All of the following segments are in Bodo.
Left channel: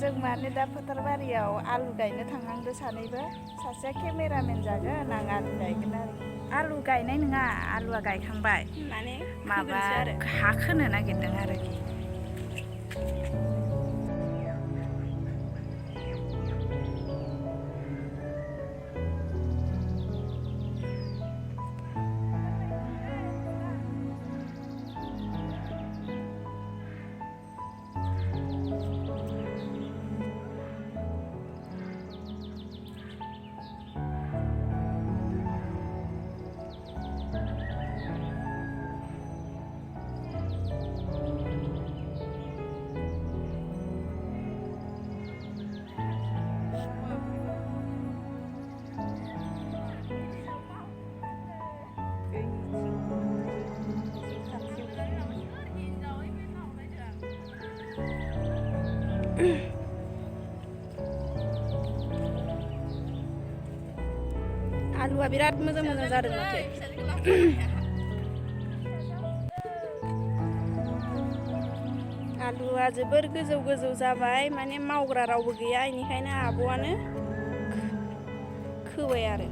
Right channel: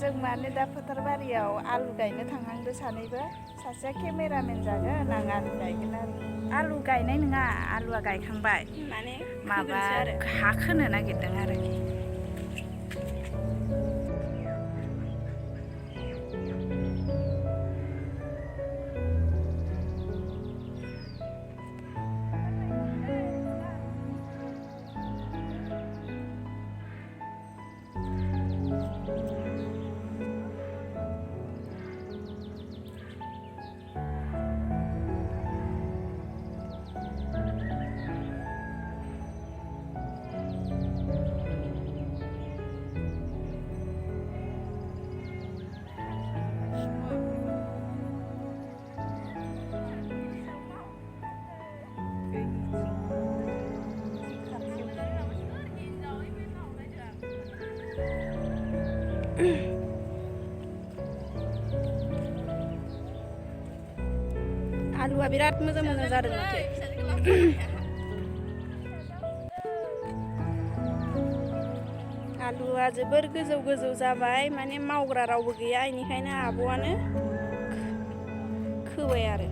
जों माने दा फोथारबारियाव आलु गायनो थांहांदो सानैबो सासेया केमेरामेन जागोन आं आलु गायगोन आरोखि आलु गायनाय नङा आलुआ गायखांबाय माने माबा हा खोनो नागिरदों आरोखि आलुआ बिराद मोजां जादों माथो आलुआ जोबोर गोजौ जाबाय माने मावग्रा रावबो गैया बेनिखायनो आब'आनो खोबाय आरो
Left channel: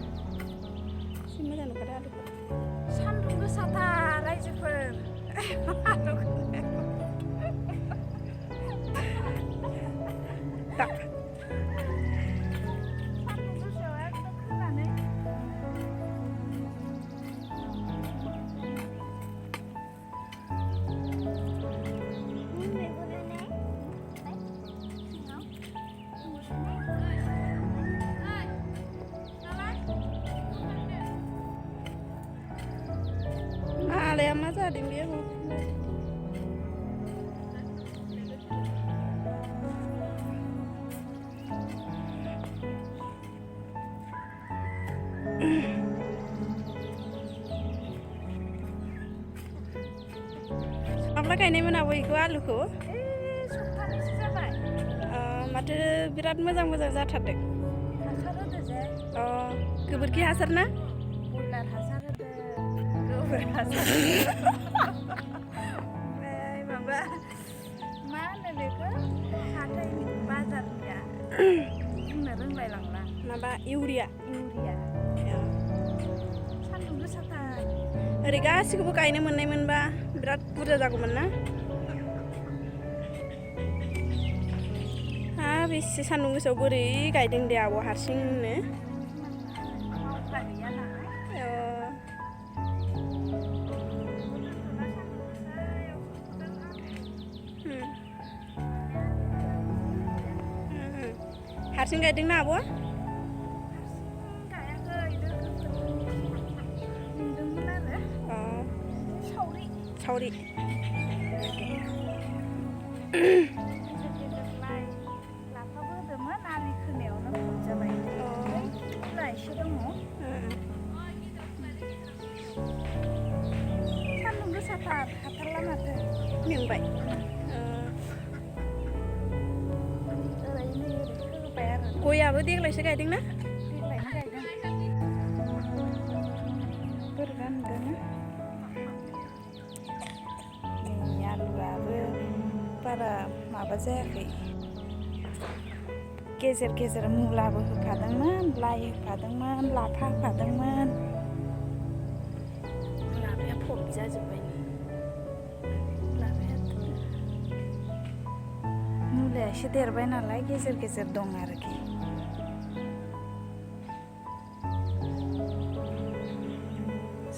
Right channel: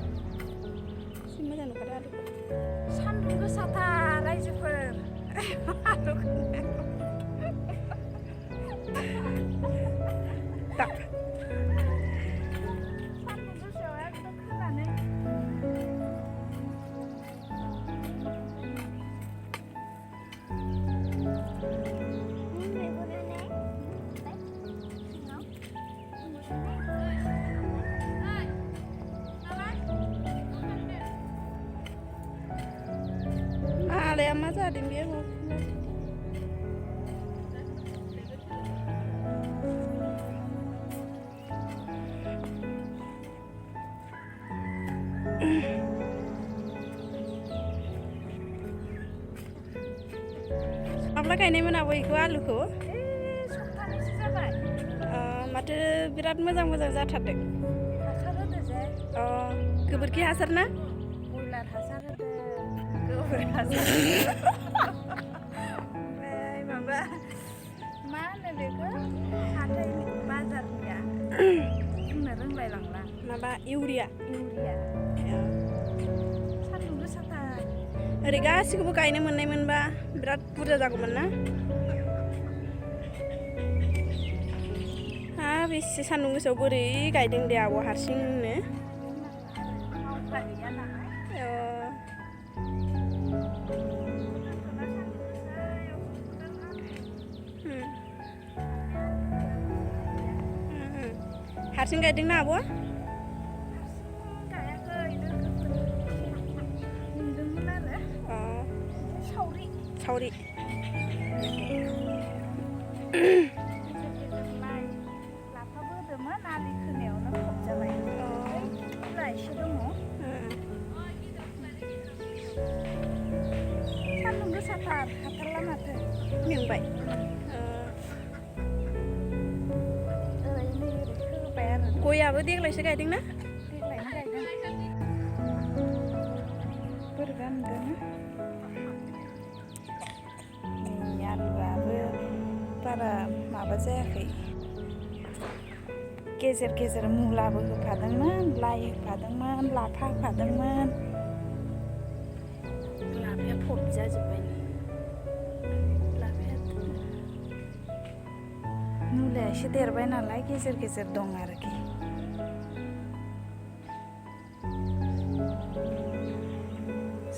एसे मोजां नुखादों आलुखौ सान्दुं गोसाथार रायजोफोर मालाया मा जादों बेयो माब्ला गायनायमोन आबौ बेखौ आलुखौ सप्तानैसो जाबाय माथो बिराद मोजां जाथारदों हासार होदो जे गोबोरखि हासार ना बयलार हासार होदो गोबोर हासार ओमफ्राय माबा मा होनो बेखौ हाथायनि बाजारनिया बुंनो रोंलाय लांला माबा इउरिया सान्दुं गोसाथार ओरै गासिखौबो गायनो मोननायमोनबा बिराद बुरजा जागौमोन ना बेसे सान्दुं गोसायाव बोरै गायदों दे आब' हारसिंनो मावग्रा गैया नालाय हारसिं गायदोंना आब'आ गायाखै लोगोफोर लिंदोंमोन आरो सावरि गेजेर लाइ लाफाबो होदोंमोन आलि खोनायावनो फबजाबाय बिलाइ एसे दङ सान्दुं गोसाथार हाथारला माथो मेंबाय ओरै खोबाय आरो गयाबो देग्लायसो गायदोंना देग्लायनो गायदों बोरैबा नुदोंना नै आलुआबो बारा माबा जायाखै गेजेर मुलाबो होफादोंमोन लाइ होफादोंमोन लाफा होफादोंमोन लाफाया फबजाजोब्बाय मुलाया एसे देरबाय नालाय गेजेर दं आरोखि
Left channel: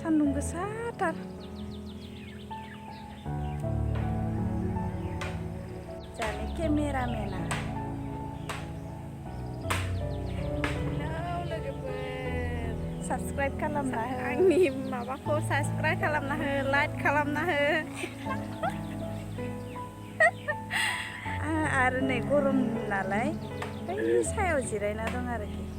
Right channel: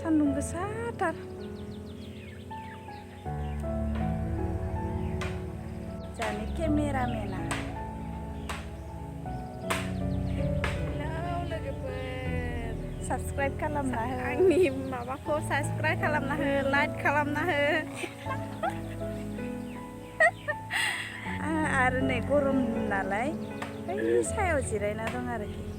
सान्दुं गोसाथार जानि केमेरामेना लोगोफोर साबस्क्राइब खालामना हो आंनि माबाखौ साबस्क्राइब खालामना हो लाइक खालामना हो आरो नै गरम नालाय बै सायाव जिरायना दं आरोखि